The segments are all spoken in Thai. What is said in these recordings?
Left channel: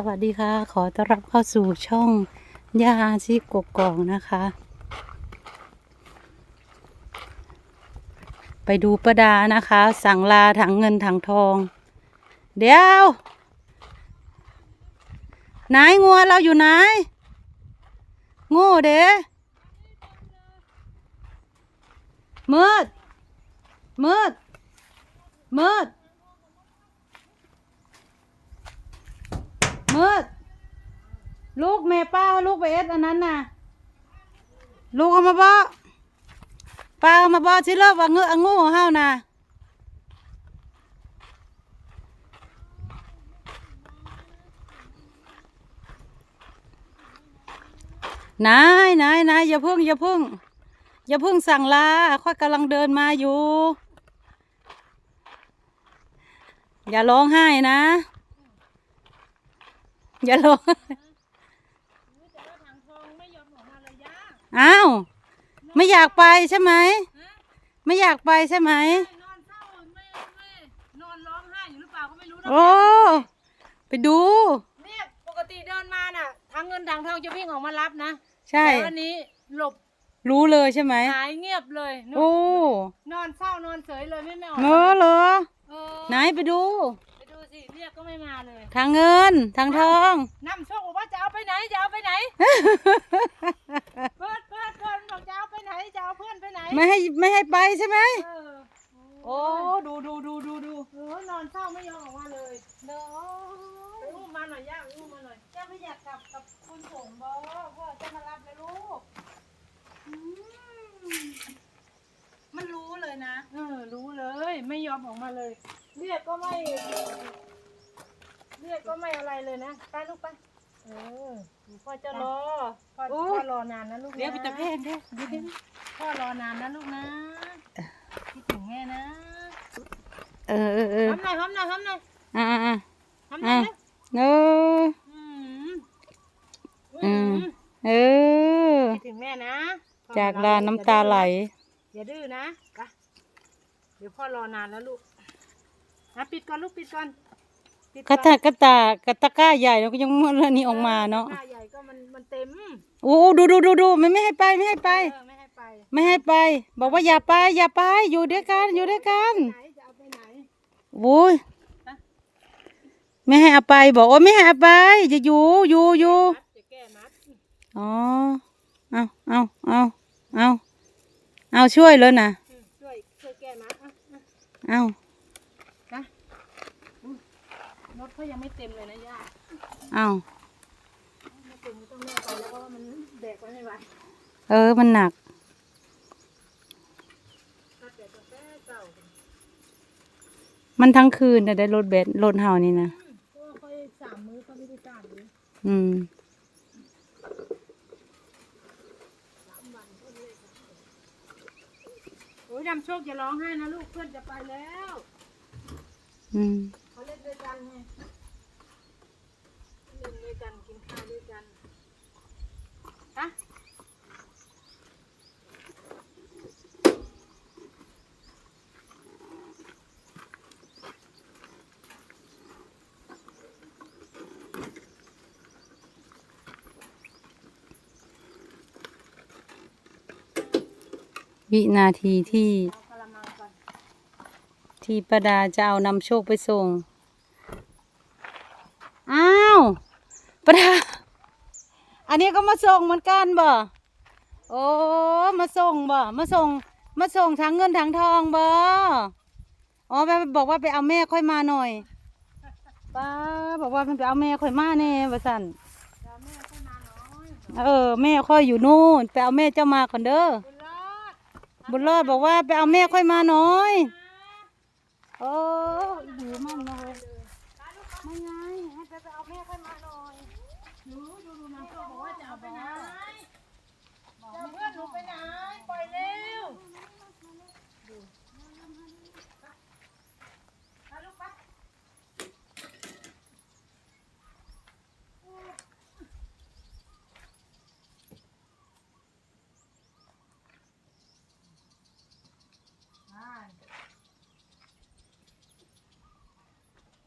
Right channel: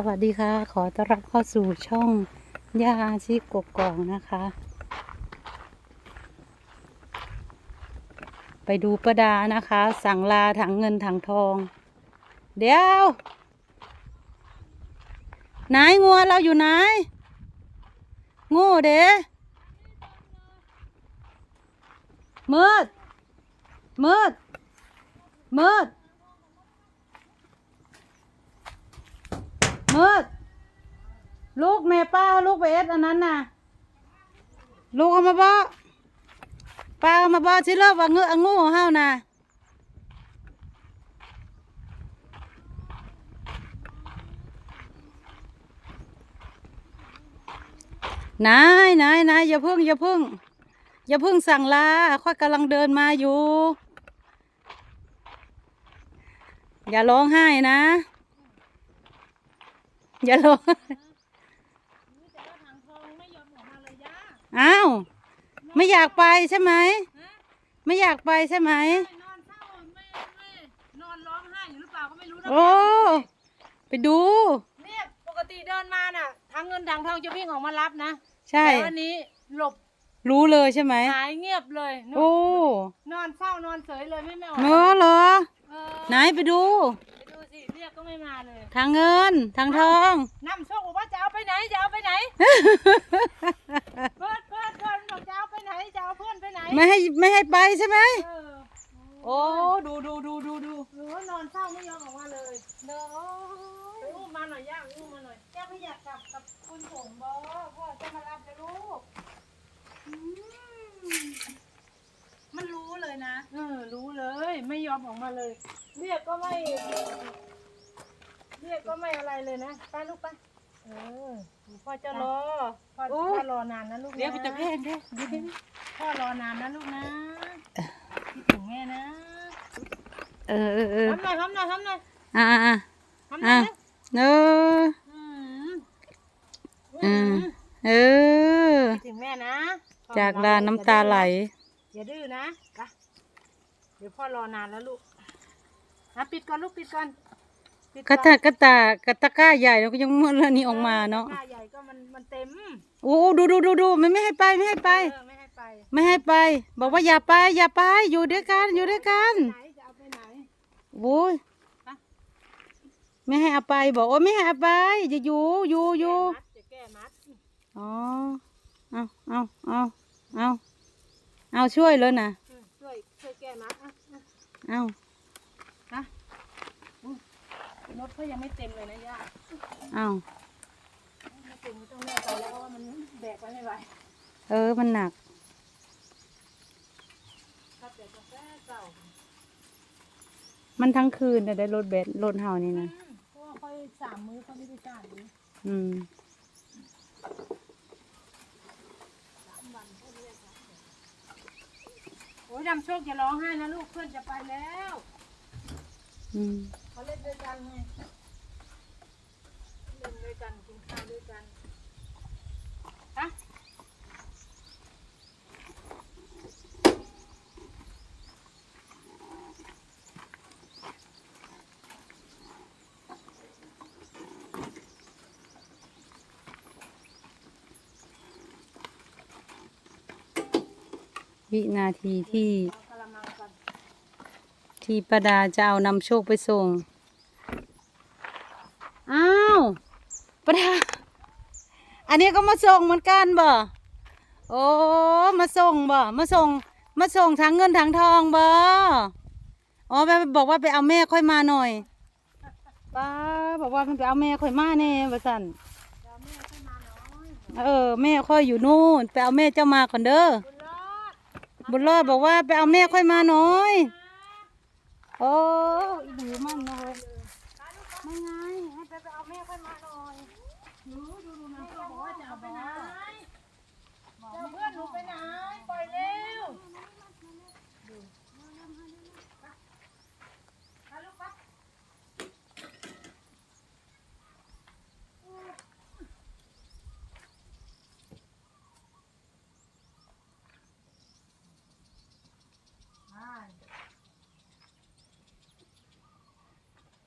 สวัสดีค่ะ ขอต้อนรับเข้าสู่ช่องย่าอาชีพกกอกนะคะ ไปดูประดานะคะ สั่งลาถังเงินถังทอง เดี๋ยวไหนงัวเราอยู่ไหนโง่เด้มืดมืดมืด มืดลูกแม่ป้าลูกไปเอ็ดอันนั้นน่ะ ลูกเอามาบ่ป้าเอามาบ่ที่เลิกว่าเงืองูเฮาน่ะนายนายนายอย่าพึ่งอย่าพึ่งอย่าพึ่งสั่งลาค่อยกำลังเดินมาอยู่ อย่าร้องไห้นะ อย่าร้องไห้อ้าวไม่อยากไปใช่ไหมไม่อยากไปใช่ไหมนอนเศร้าไม่ไม่นอนร้องไห้อยู่หรือเปล่าก็ไม่รู้นะโอ้ ไปดู เนี่ยปกติเดินมาน่ะทางเงินทางทองจะวิ่งออกมารับนะใช่ แต่วันนี้หลบรู้เลยใช่ไหม หายเงียบเลยนโอ้นอนเศร้านอนเฉยเลยไม่ไม่ออกเนอะเหรอ เออไหนไปดู ม่มาเลยทางเงินทางทองน้ำโชคบอกว่าจะเอาไปไหนจะเอาไปไหนเปิดเปิดเปิดบอกจะเอาไปไหนจะเอาเพื่อนไปไหนไม่ให้ไม่ให้ไปใช่ไหมเออโอ้ดูดูดูดูดูเออนอนเศร้าไม่ยอมออกมาเลยเด้อไปอุ้มมาหน่อยย่าอุ้มมาหน่อยแกไม่อยากกลับกับคุณสมบอพ่อจะมารับเลยลูกมันรู้เลยนะเออรู้เลย ไม่ยอมออกมาเลยเรียกก็ไม่ เรียกก็ไม่อะไรเลยนะไปลูกไปเออพ่อจะรอพ่อโอ้ พ่อรอนานนะลูกนะเดี๋ยวไปตะเพงเด้เดี๋ยวเดี๋ยวพ่อรอนานนะลูกนะคิดถึงแม่นะเออเออเออทำหน่อยทำหน่อยทำหน่อยอ่าอ่าทำหน่อะอยนะเอออืมอืมเออ คิดถึงแม่นะพ่อจากรลานน้ำตาไหล อย่าดื้อนะไปเดี๋ยวพ่อรอนานแล้วลูกนะปิดก่อนลูกปิดก่อนปิด กระตากระตากระตะกร้าใหญ่แล้วก็ยังมันอันนี้ออกมาเนาะหน้าใหญ่ก็มันมันเต็มโอ้ดูดูดูดูมันไม่ให้ไปไม่ให้ไปเออไม่ให้ไป ไม่ให้ไป บอกว่าอย่าไปอย่าไปอยู่ด้วยกันอยู่ด้วยกันไหนจะเอาไปไหนโอ้ยไม่ให้เอาไปบอกว่าไม่ให้เอาไปจะอยู่อยู่อยู่มัดจะแก้มัดอ๋อเอาเอาเอาเอาเอาช่วยเลยนะอืมช่วยช่วยแก้มัดอะอะเอา นะอุ๊ย รถเขายังไม่เต็มเลยนะย่าเอาไม่เต็มก็ต้องแม่ไปแล้วเพราะว่ามันแบกไปไม่ไหวเออ มันหนักถ้าแต่กาแฟเก่ามันทั้งคืนน่ะได้รถเบสรถเฮานี่นะอืมเพราะว่าค่อยสามมื้อเขาไม่ได้จ้างเลยอืมโอ้ยดำโชคอย่าร้องไห้นะลูกเพื่อนจะไปแล้ว อืม เขาเล่นด้วยกันไงเล่นด้วยกันกินข้าวด้วยกันฮะวินาทีที่ เอากระมังก่อน ที่ประดาจะเอานำโชคไปส่ง อ้าว ปะดาอันนี้ก็มาส่งเหมือนกันบ่ โอ้ มาส่งบ่ มาส่ง มาส่งทั้งเงินทั้งทองบ่ อ๋อไปบอกว่าไปเอาแม่ค่อยมาหน่อยป้าบอกว่ามันไปเอาแม่ค่อยมาแน่ว่สั่นเออแม่ค่อยอยู่นู่นไปเอาแม่เจ้ามาก่อนเด้อ บุญรอดบอกว่าไปเอาแม่ค่อยมาหน่อย โอ้อีหนูมันเลยไม่ไงให้ไปเอาแม่ค่อยมา หน่อยบอกว่าจะเอาไปไหนบอกเพื่อนหนูไปไหนปล่อยเร็ว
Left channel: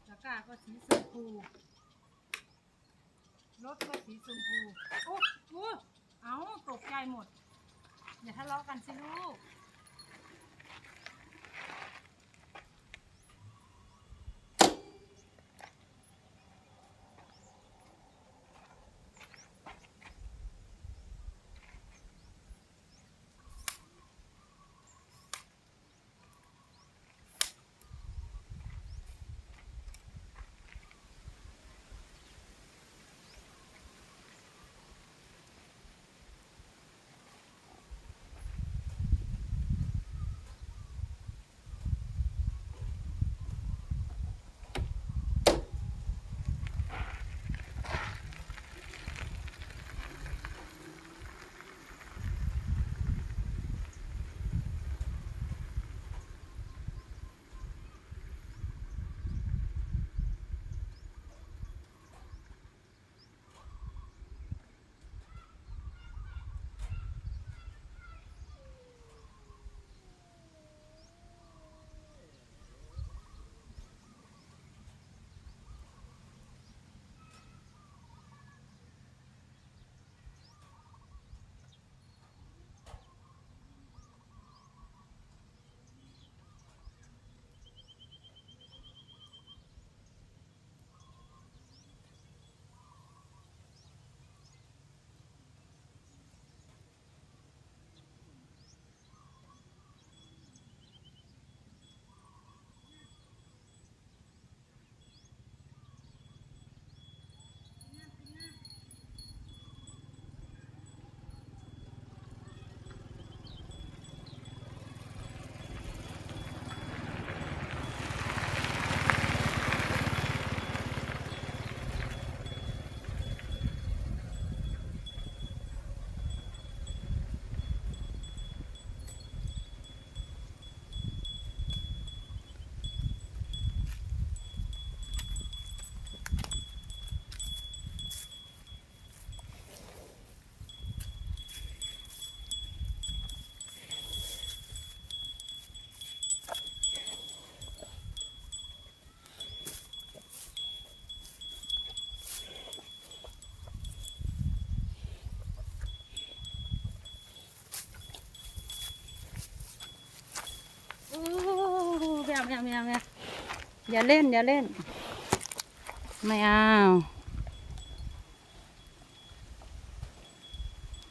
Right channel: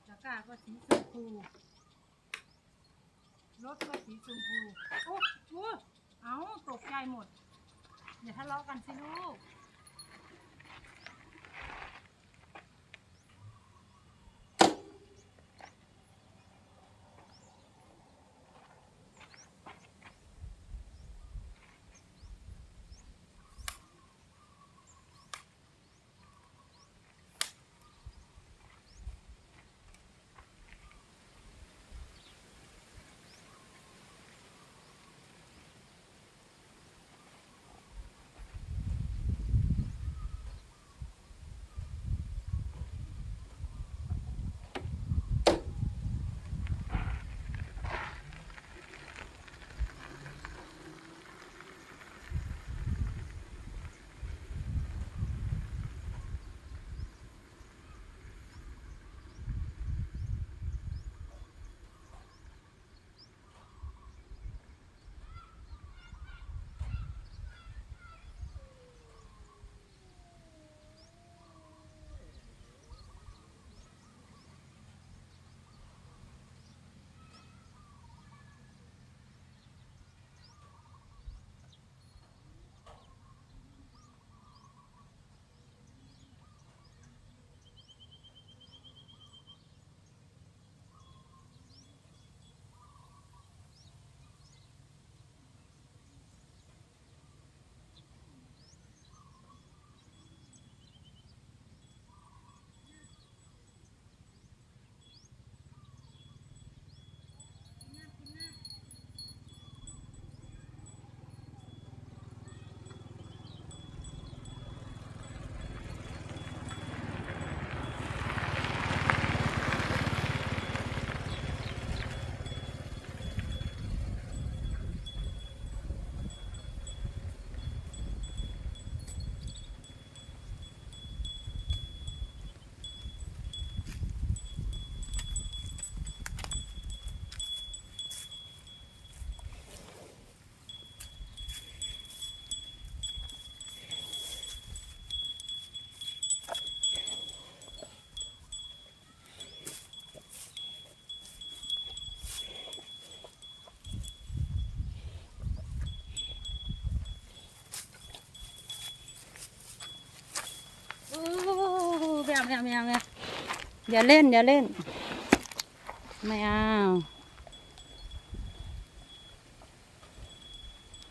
ตะกร้าก็สีชมพู หมด อย่าทะเลาะกันสิลูก ไม่เอาไม่เอาไม่เอาเอาอย่าเล่นอย่าเล่น ไม่เอา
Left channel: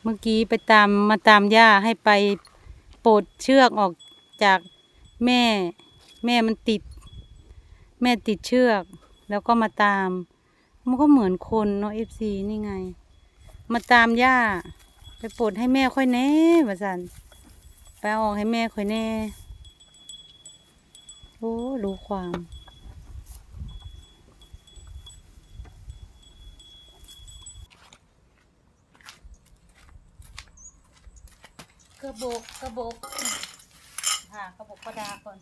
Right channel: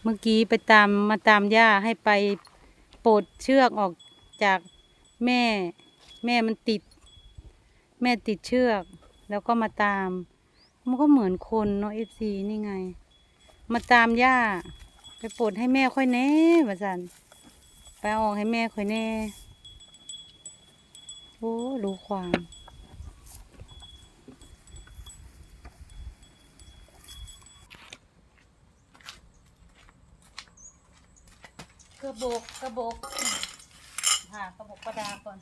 เมื่อกี้ไปตามมาตามย่าให้ไปปลดเชือกออกจากแม่ แม่มันติด แม่ติดเชือก แล้วก็มาตาม มันก็เหมือนคนเนาะเอฟซีนี่ไง มาตามย่าไปปลดให้แม่ค่อยแน่ว่าสันไปออกให้แม่ค่อยแน่ โอ้ดูความกระบอกกระบอกหากระบอกประดาก่อน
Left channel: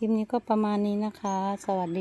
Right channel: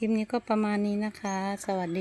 คลิปนี้ก็ประมาณนี้นะคะ สวัสดี